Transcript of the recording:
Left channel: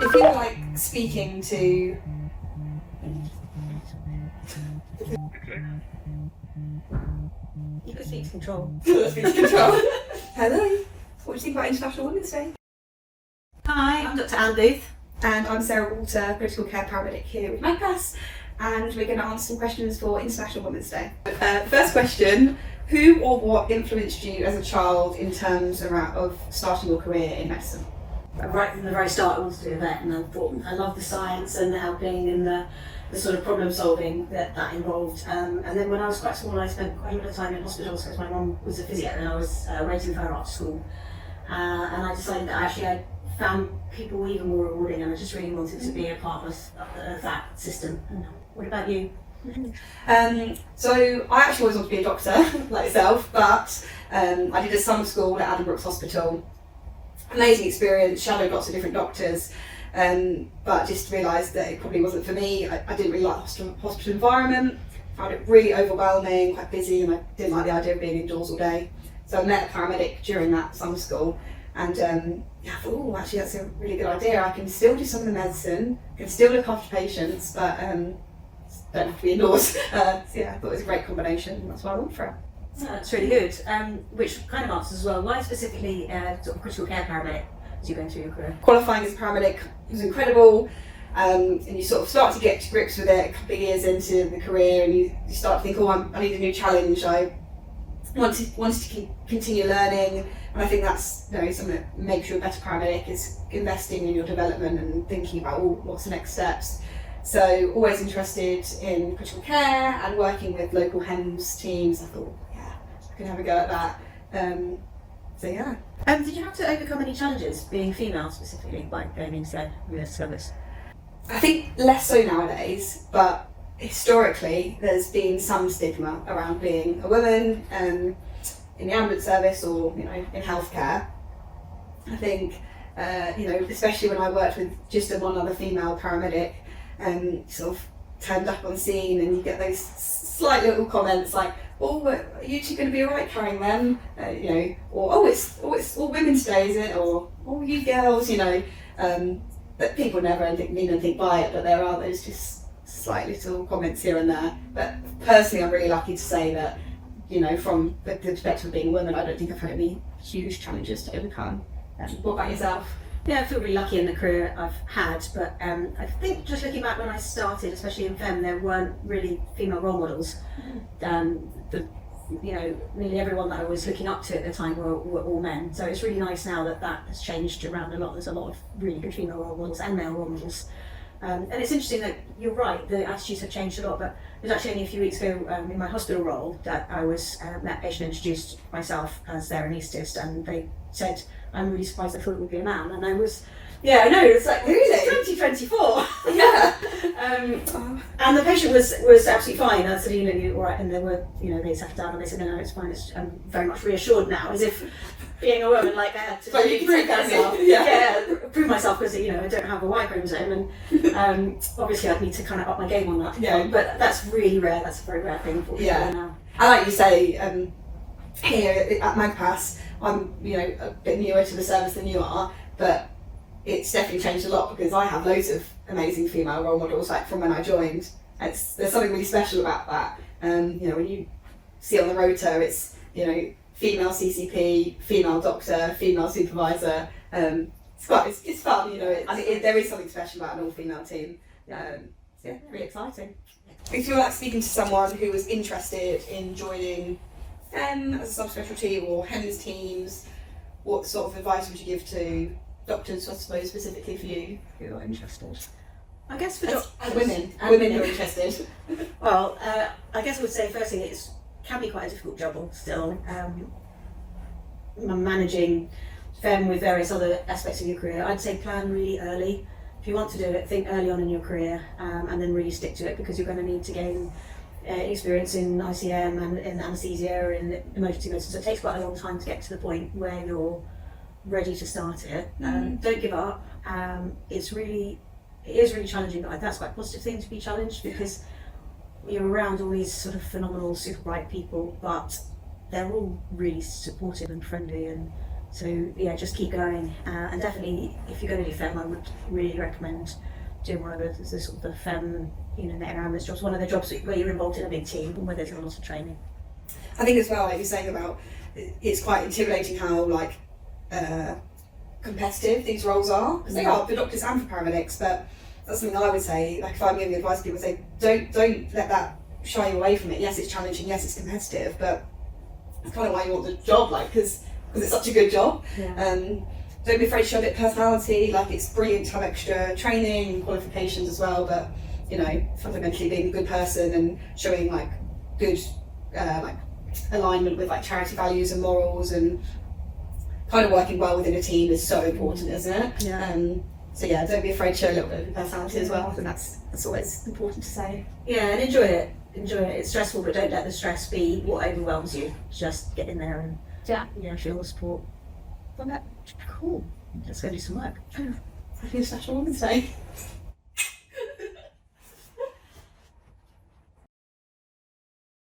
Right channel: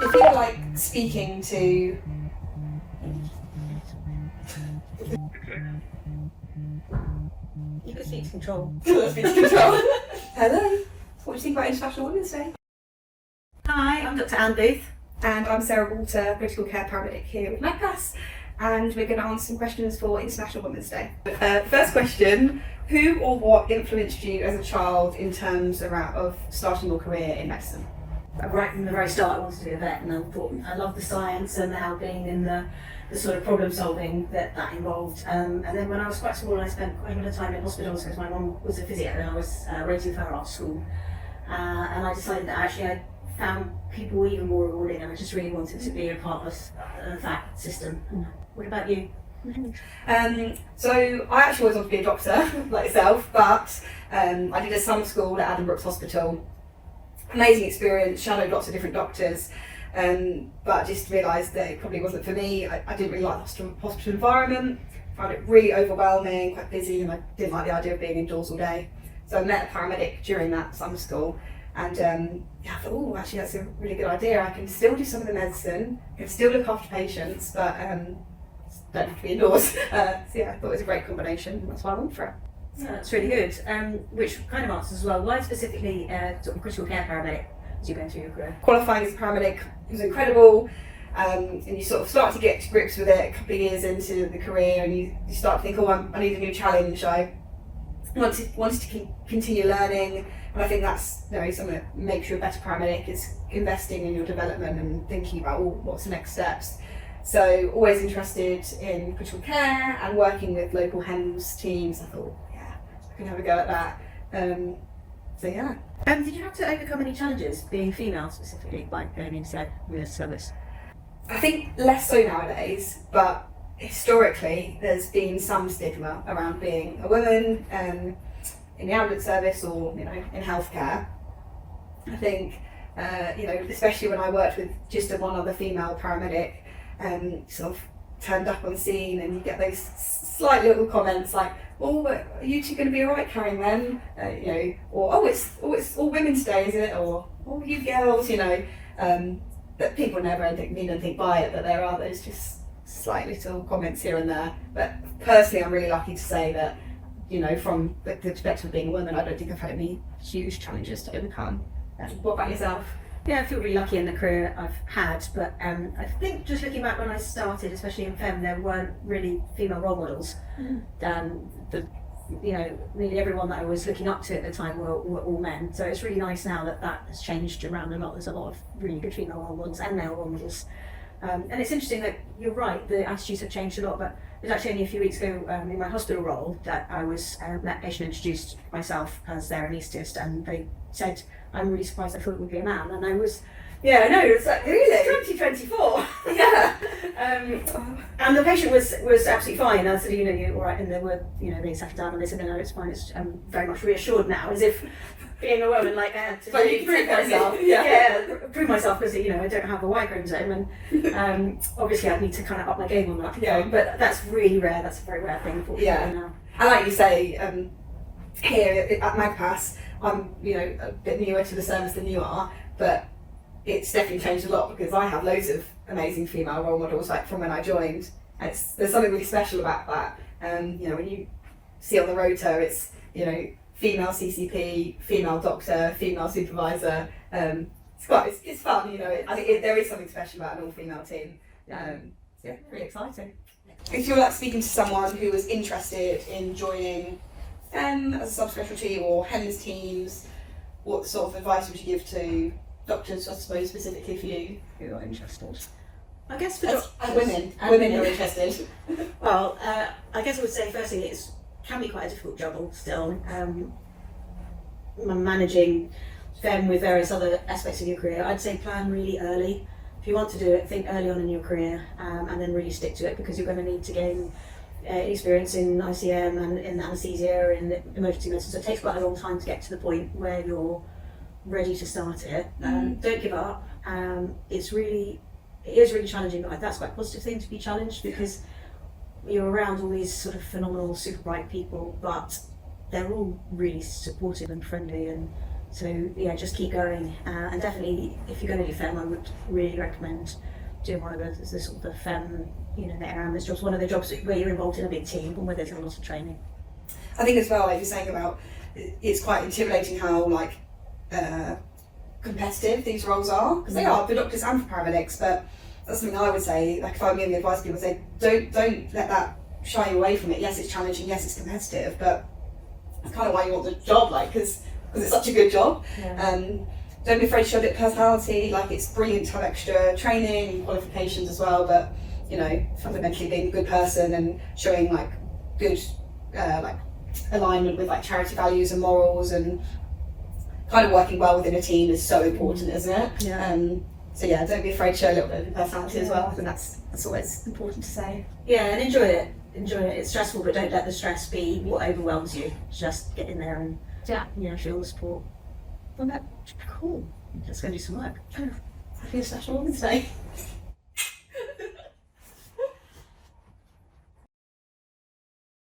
If you were like speaking to... You could speak to control. Speak to control. Hello. What do you think about International Women's Day? Hi, I'm Dr. Anne Booth. And I'm Sarah Walter, critical care paramedic here with Magpas, and we're going to answer some questions for International Women's Day. First question, who or what influenced you as a child in terms of starting your career in medicine? Right from the very start I wanted to be a vet, and I thought I loved the science and the helping and the sort of problem solving that involved. And then when I was quite small, I spent quite a bit of time in hospitals because my mum was a physio and I was raising her after school. And I decided that actually I found people even more rewarding, and I just really wanted to be a part of that system. What about you? So I actually always wanted to be a doctor, like yourself, but I did a summer school at Adam Brooks Hospital. Amazing experience, shadowed lots of different doctors, but just realised that it probably wasn't for me. I didn't really like the hospital environment, found it really overwhelming, quite busy, and I didn't like the idea of being indoors all day. So I met a paramedic during that summer school, and I thought, oh, actually that's a really good idea. I can still do some of the medicine, can still look after patients, but don't have to be indoors. So yeah, I thought it was a great combination, and that's why I went for it. Yeah, that's really good. Which kind of answers as well. Why specifically sort of critical care paramedic as you go through your career? Qualifying as a paramedic was incredible, and you sort of start to get to grips with it a couple of years into the career, and you start to think, oh, I need a new challenge. I wanted to continue learning, and I think that's something that makes you a better paramedic, is investing in your development and thinking about what's the next steps. So always interested in critical care and working with local HEMS teams. I thought, yeah, I can have a go at that. So yeah. Did you have to overcome any challenges being female specifically by going into US service? I think less so nowadays, but historically there's been some stigma around being a woman in the ambulance service or in healthcare. I think especially when I worked with just one other female paramedic, sort of turned up on scene, and you get those slight little comments like, "Oh, but are you two going to be alright carrying them?" Or "Oh, it's all Women's Day, is it?" Or "Oh, you girls," that people never mean anything by it, but there are those just slight little comments here and there. But personally, I'm really lucky to say that, from the perspective of being a woman, I don't think I've had any huge challenges to overcome. What about yourself? Yeah, I feel really lucky in the career I've had, but I think just looking back when I started, especially in FEM, there weren't really female role models. Really everyone that I was looking up to at the time were all men. So it's really nice now that has changed around a lot. There's a lot of really good female role models and male role models. And it's interesting that you're right, the attitudes have changed a lot, but it was actually only a few weeks ago in my hospital role that I was met patient, introduced myself as their anaesthetist, and they said, "I'm really surprised, I thought it would be a man." And I was, yeah, I know, it's like, Really? 2024. Yeah. And the patient was absolutely fine. I said, "You're all right," and they were, they sat down and they said, "No, it's fine. I'm very much reassured now," as if being a woman, like I had to. But you can prove yourself. Yeah, prove myself because I don't have a Y chromosome, and obviously I'd need to kind of up my game on that. Yeah. But that's really rare. That's a very rare thing for people now. And like you say, here at Magpas, I'm a bit newer to the service than you are, but it's definitely changed a lot because I have loads of amazing female role models, like from when I joined. There's something really special about that. When you see on the rota, it's female CCP, female doctor, female supervisor. It's fun. I think there is something special about an all-female team. Yeah, pretty exciting. If you're speaking to someone who was interested in joining as a subspecialty or HEMS teams, what sort of advice would you give to doctors, I suppose, specifically for you who are interested? I guess for women who are interested. Well, I guess I would say firstly it can be quite a difficult job still. Managing them with various other aspects of your career, I'd say plan really early. If you want to do it, think early on in your career, and then really stick to it, because you're going to need to gain experience in ICM and in anaesthesia and in emergency medicine. So it takes quite a long time to get to the point where you're ready to start it. Don't give up. It is really challenging, but that's quite a positive thing to be challenged, because you're around all these sort of phenomenal, super bright people, but they're all really supportive and friendly, and So yeah, just keep going, and definitely if you're going to do FEM, I would really recommend doing one of the sort of the FEM, the air ambulance jobs, one of the jobs where you're involved in a big team and where there's a lot of training. I think as well, like you're saying about, it's quite intimidating how like competitive these roles are, because they are for doctors and for paramedics. But that's something I would say, like if I'm giving advice to people, say don't let that shy you away from it. Yes, it's challenging, yes, it's competitive, but it's kind of why you want the job, like because it's such a good job. Don't be afraid to show a bit of personality. Like it's brilliant to have extra training, qualifications as well, but fundamentally being a good person and showing like good like alignment with like charity values and morals, and kind of working well within a team is so important, isn't it? So yeah, don't be afraid to show a little bit of personality as well. I think that's always important to say. Yeah, and enjoy it. It's stressful, but don't let the stress be what overwhelms you. Just get in there and feel the support. Well, that's cool. Let's go do some work. I feel special on Wednesday.